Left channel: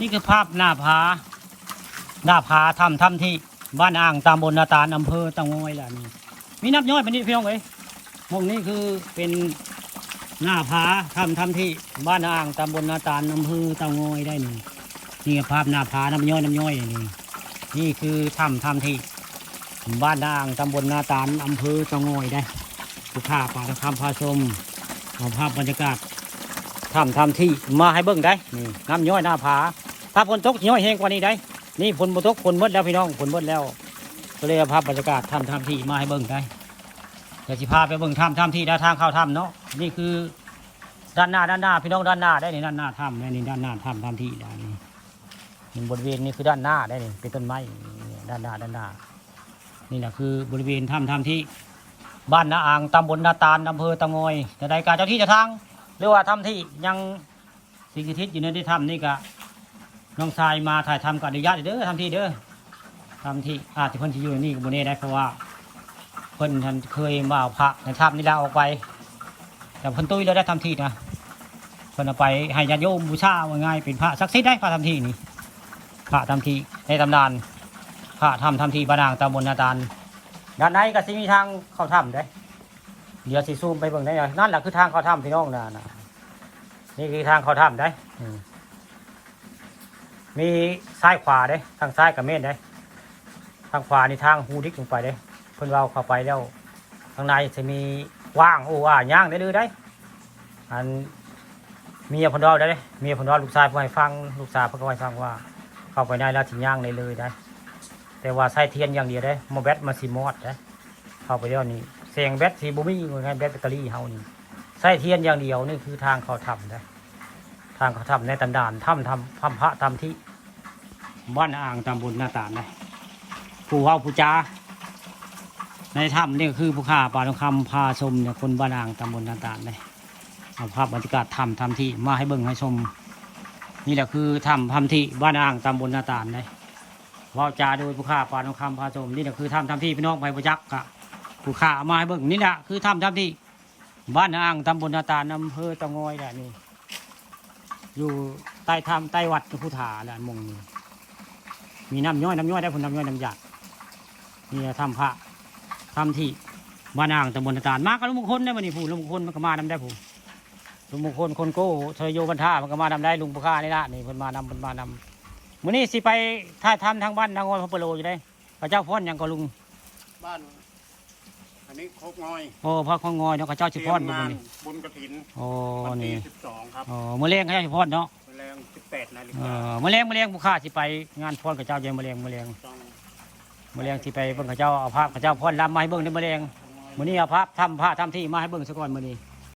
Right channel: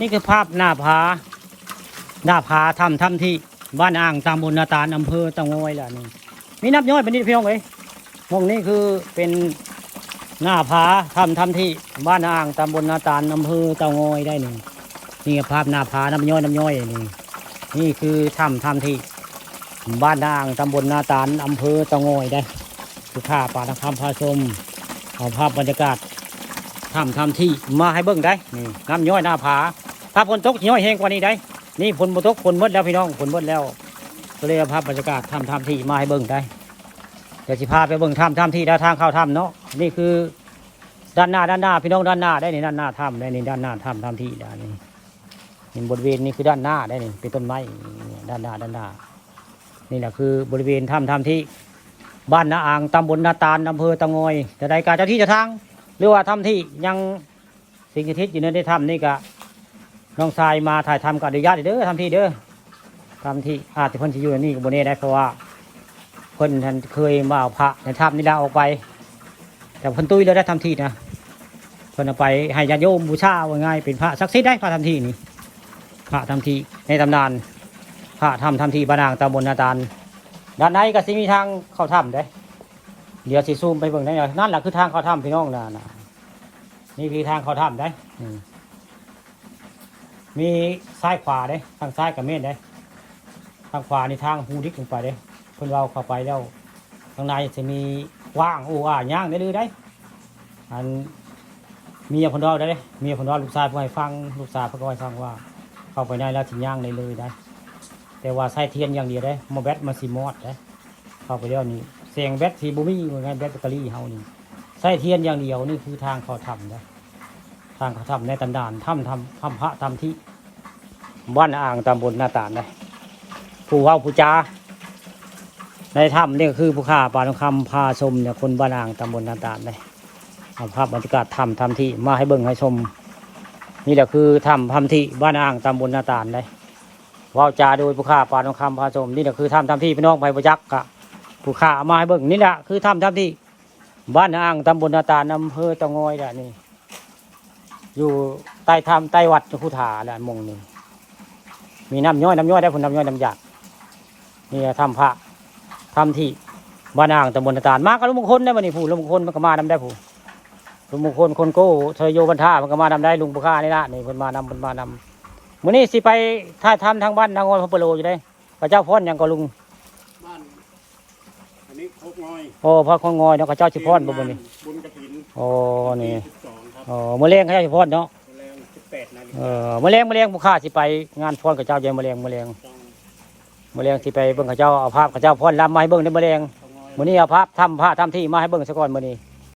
นี่คือภาพหน้าผาถ้ำที่บ้านอ่างตำบลนาตาลอำเภอตะงอยแหละนี่มีนับย้อยเป็นนิดเพียงเลยมองนี่คือเป็นหน้าผาถ้ำที่บ้านอ่างตำบลนาตาลอำเภอตะงอยได้นี่นี่ภาพหน้าผาน้ำย้อยนี่คือถ้ำที่บ้านอ่างตำบลนาตาลอำเภอตะงอยได้คือภาพป่าตะคำพาชมเอาภาพบรรยากาศถ้ำที่มาให้เบิ่งได้นี่น้ำย้อยหน้าผาถ้าฝนตกย้อยแห้งกว่านี้ได้นี่ฝนบ่ตกฝนหมดแล้วพี่น้องฝนหมดแล้วก็เลยเอาภาพบรรยากาศถ้ำที่มาให้เบิ่งได้เดี๋ยวจะพาไปเบิ่งถ้ำที่ด้านทางเข้าถ้ำเนาะนี่คือด้านหน้าพี่น้องด้านหน้าได้นี่ด้านหน้าถ้ำได้นี่ด้านหน้าถ้ำที่ด้านนี้นี่บริเวณนี้คือด้านหน้าได้นี่เป็นต้นไม้ด้านหน้านี่แหละคือบริเวณถ้ำที่บ้านนาอ่างตำบลนาตาลอำเภอตะงอยจะได้การเจ้าที่เจะทางหรือว่าถ้ำที่ยังสิ่งที่ทิศอยู่ในถ้ำนี่ก็น้องชายมาถ่ายทำกับอนุญาตเด้อทำที่เด้อทำที่อาจจะเพิ่นที่อยู่ในนี่กับบนนี้ได้เพราะว่าเพิ่นท่านเคยมาเอาพระในถ้ำนี่ได้ออกไปแต่เพิ่นตุ้ยแล้วได้ทำที่นะเพิ่นเอาไปให้ญาติโยมบูชาเอาง่ายเป็นพระศักดิ์สิทธิ์ได้พระทำที่นี่พระทำที่ในตำนานพระทำที่บ้านอ่างตำบลนาตาลด้านในก็สิมีทางเข้าถ้ำได้เดี๋ยวสิซูมไปเบิ่งได้นั่นแหละคือทางเข้าถ้ำพี่น้องนะนี่คือทางเข้าถ้ำได้มีซ้ายขวาได้ทางซ้ายกับเมนได้ทางขวาในทางหูดิกลงไปได้เพิ่นเราเข้าไปแล้วข้างในจะมีว่างย่างได้เลยได้อันมีพนรอได้มีพนรอลูกชายเพื่อให้ฟังลูกสาวเพื่อให้ฟังว่าเข้าไปได้แล้วถึงย่างในเลยได้แต่ว่าใช้เทียนอย่างเดียวได้มาแบตมาซีมอดได้เข้าไปเดี๋ยวนี้เสียงแบตซีบูมี่ไงแบตตะลี่เฮานี่ใช้เทียนอย่างเดียวนี่คือทางเขาทำได้ทางเขาทำในตำนานถ้ำพระถ้ำที่บ้านอ่างตำบลนาตาลนะผู้ว่าผู้จาในถ้ำนี่คือผู้ข่าป่าทองคำพาชมเนี่ยคนบ้านอ่างตำบลนาตาลนะเอาภาพบรรยากาศถ้ำที่มาให้เบิ่งให้ชมนี่แหละคือถ้ำที่บ้านอ่างตำบลนาตาลนะว่าจาโดยผู้ข่าป่าทองคำพาชมนี่แหละคือถ้ำที่พี่น้องไปประยักษ์กะผู้ข่ามาให้เบิ่งนี่แหละคือถ้ำที่บ้านอ่างตำบลนาตาลอำเภอตะงอยแหละนี่อยู่ใต้ถ้ำใต้วัดพุทธาแหละมงนี่มีน้ำย้อยได้ผลน้ำย้อยน้ำหยาดนี่ถ้ำที่บ้านอ่างตำบลนาตาลมากับลุงมงคลได้มานี่ผู้ลุงมงคลมันก็มานำได้ผู้ลุงมงคลคนโก้เทยโยบรรท่ามันก็มานำได้ลุงปุข้านี่ละนี่คนมานำมื้อนี้สิไปท่าถ้ำทางบ้านทางงอยพระปโลอยู่ได้พระเจ้าพ่นยังก็ลุงบ้านอันนี้โคกงอยโอ้พระโคกงอยเนาะพระเจ้าชิพ่นบุญบุญกฐินโอ้นี่12ครับมะเร็งพระเจ้าชิพ่นเนาะมะเร็ง18นาฬิกามะเร็งผู้ข้าสิไปงานพ่นกับเจ้าเย็นมะเร็งสิไปเบิ่งข้าเจ้าเอาภาพข้าเจ้าพ่นลำมาให้เบิ่งในมะเร็งมื้อนี้เอาภาพถ้ำที่มาให้เบิ่งซะก่อนมื้อนี้